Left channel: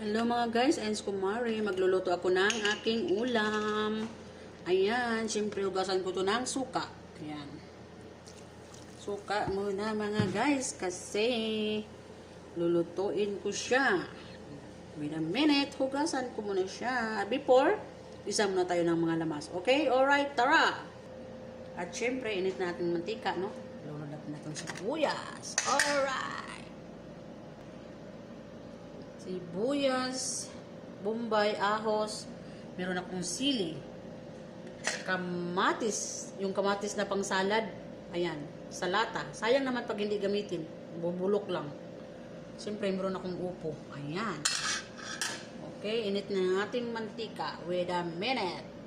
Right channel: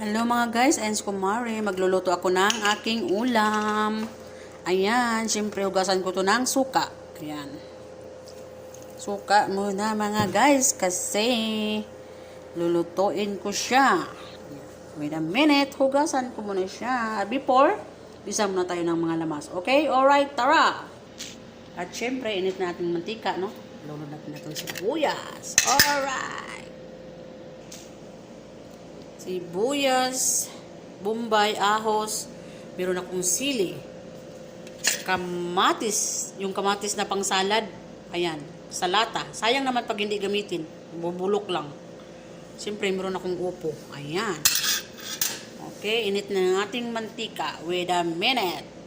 Hello mga guys, Ens Kumari. Magluluto ako ng aking ulam. Ayan, syempre hugasan ko to ng suka. Ayan. Suka muna mga guys kasi lulutuin ko siya. Wait a minute, hugasan ko muna siya. Before, bisa muna tayo ng mga lamas. Okay? Alright, tara! At syempre, init natin mantika, no? Lulod natin itong sibuyas. Alright! Sibuyas, bombay, ahos, meron akong sili, kamatis, yung kamatis na pang salad, ayan, salata. Sayang naman pag hindi gamitin, bubulok lang. Siyempre, meron akong upo, ayan. Okay, init na ng ating mantika. Wait a minute.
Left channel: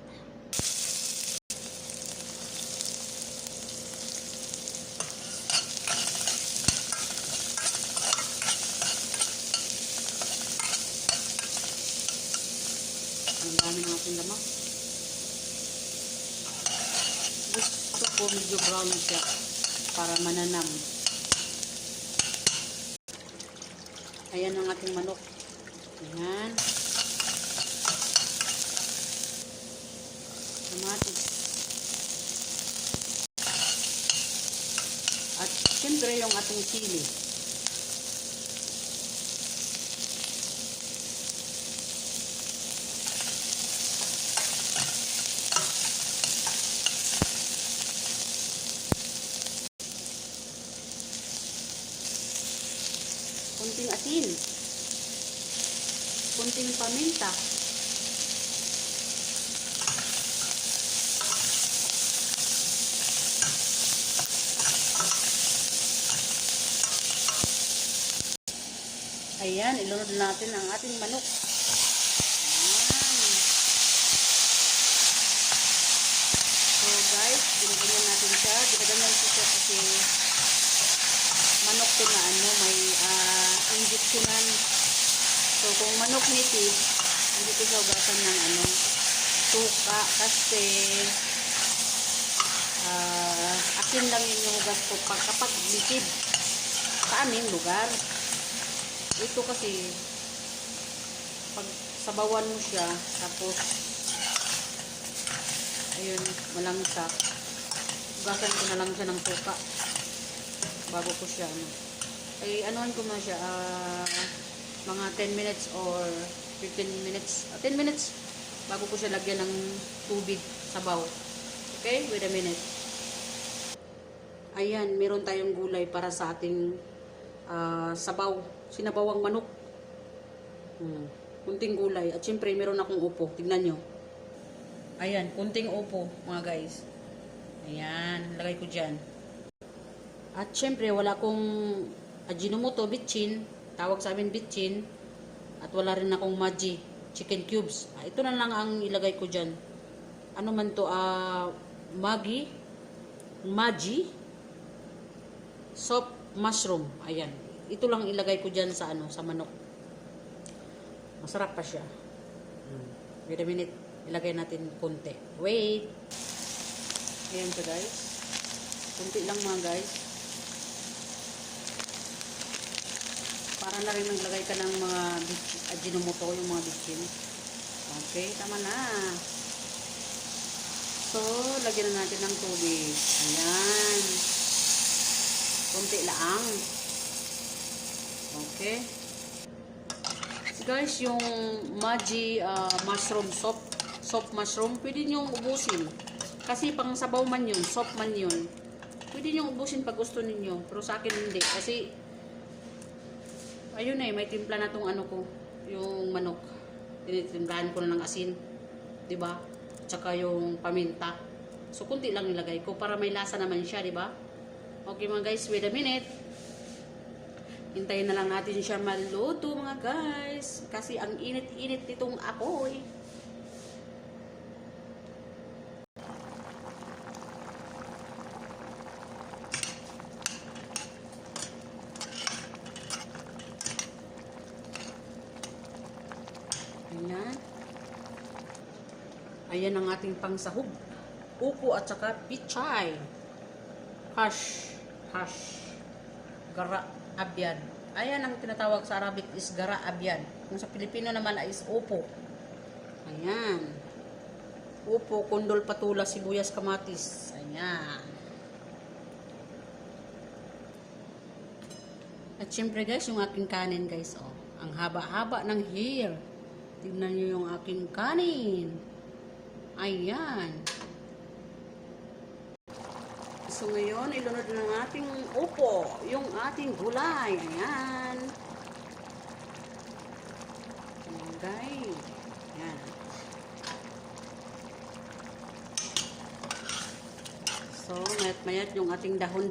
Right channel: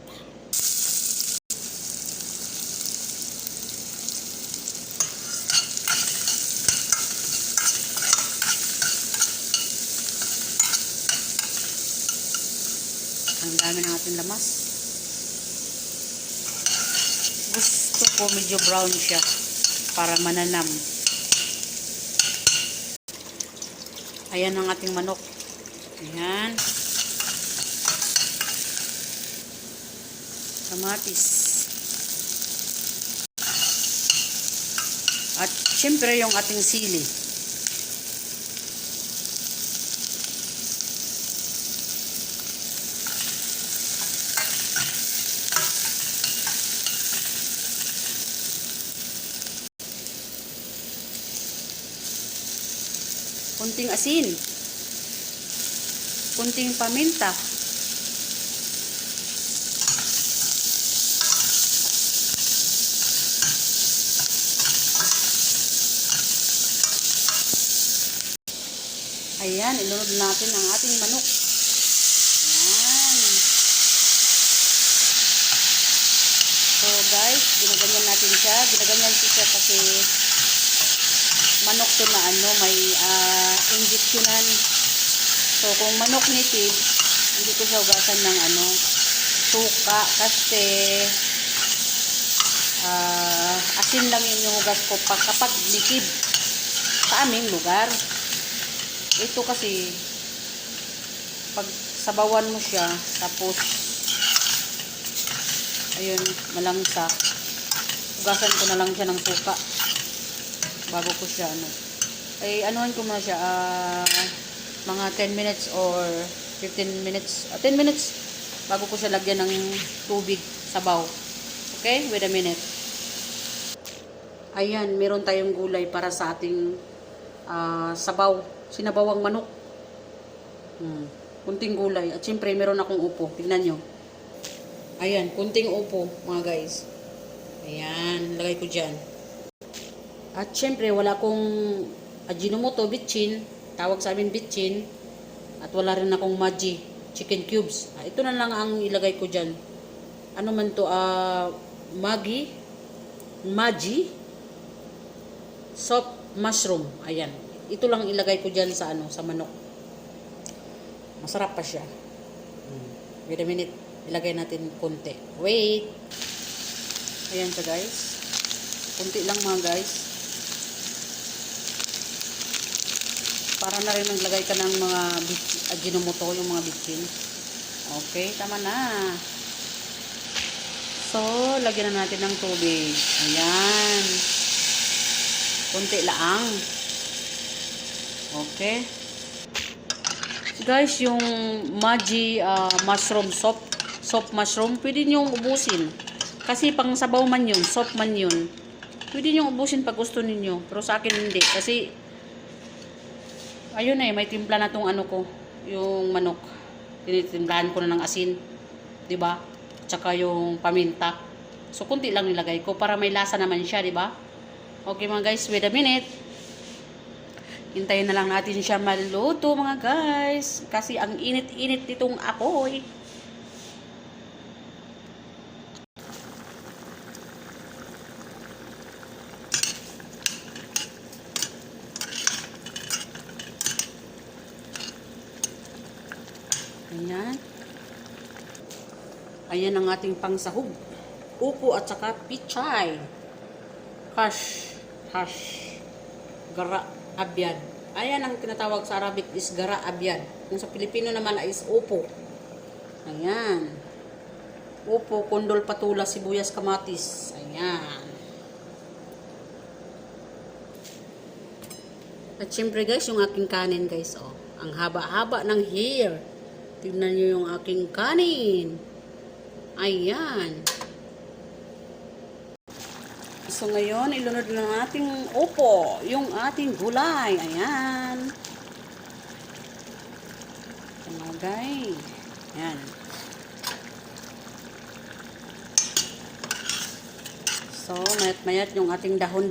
Ang dami ng ating lamas. Gusto ko medyo brown siya para mananam. Ayan ang ating manok. Ayan. Kamatis. At syempre yung ating sili. Kunting asin, kunting paminta, Ayan, inunod natin ang ating manok. Ayan. So guys, ginaganyan natin siya. Ginaganyan ko siya kasi manok to na ano, may uh, injeksyonan. So, kung manok native, hindi ko siya ugasan ng ano, suka kasi uh, asin lang yung hugas ko pag, kapag native sa aming lugar. Ito kasi pag sabawan mo siya, tapos ayun, malangsa. Hugasan ko na lang siya ng suka bago ko siya ano. Eh anuhan ko muna siya ah, mga 10 minutes or 15 minutes, ah, 10 minutes bago ko siya lagyan ng tubig sabaw. Okay? Wait a minute. Ayan, meron tayong gulay para sa ating ah, sabaw. Sinabawang manok. Hmm. Kunting gulay. At syempre, meron akong upo. Tingnan nyo. Ayan, kunting upo, mga guys. Ayan, lagay ko dyan. At syempre, wala akong Ajinomoto bitchin, tawag sa amin bitchin, at wala rin akong Maggi chicken cubes. Ah, ito na lang ang ilagay ko dyan. Ano man to, ah, Maggi, Maggi, soft mushroom. Ayan. Ito lang ilagay ko dyan sa ano, sa manok. Masarap pa siya. Hmm. Wait a minute. Ilagay natin konti. Wait. Ayan siya guys. Kunti lang mga guys. Para na rin naglagay ka ng mga ajinomoto, yung mga bitchin. Okay, tama na. So, lagyan na natin ng tubig. Ayan. Kunti lang. Okay. Guys, yung Maggi uh, mushroom soup, soup mushroom, pwede nyo ubusin. Kasi pang sabaw man yun, soup man yun. Pwede nyo ubusin pag gusto ninyo. Pero sa akin hindi. Kasi ayun eh, may timpla na tong ano ko, yung manok. Tinitimplahan ko na ng asin, 'di ba? Tsaka yung paminta. So kunti lang nilagay ko para may lasa naman siya, 'di ba? Okay mga guys, wait a minute. Hintayin na lang natin siya maluto mga guys. Kasi ang init-init nitong apoy. Ayan. Ayan ang ating pangsahog. Upo at saka pichay. Hash. Hash. Gara. Abyad. Ayan ang tinatawag sa Arabic is gara abyan. Yung sa Pilipino naman is upo. Ayan. Upo, kondol, patula, sibuyas, kamatis. Ayan. At syempre guys, yung aking kanin guys, oh. Ang haba-haba ng hair. Tignan nyo yung aking kanin. Ayan. So ngayon, ilunod ng ating upo, yung ating gulay. Ayan. Tumagay. Ayan. So, mayat-mayat yung ating dahon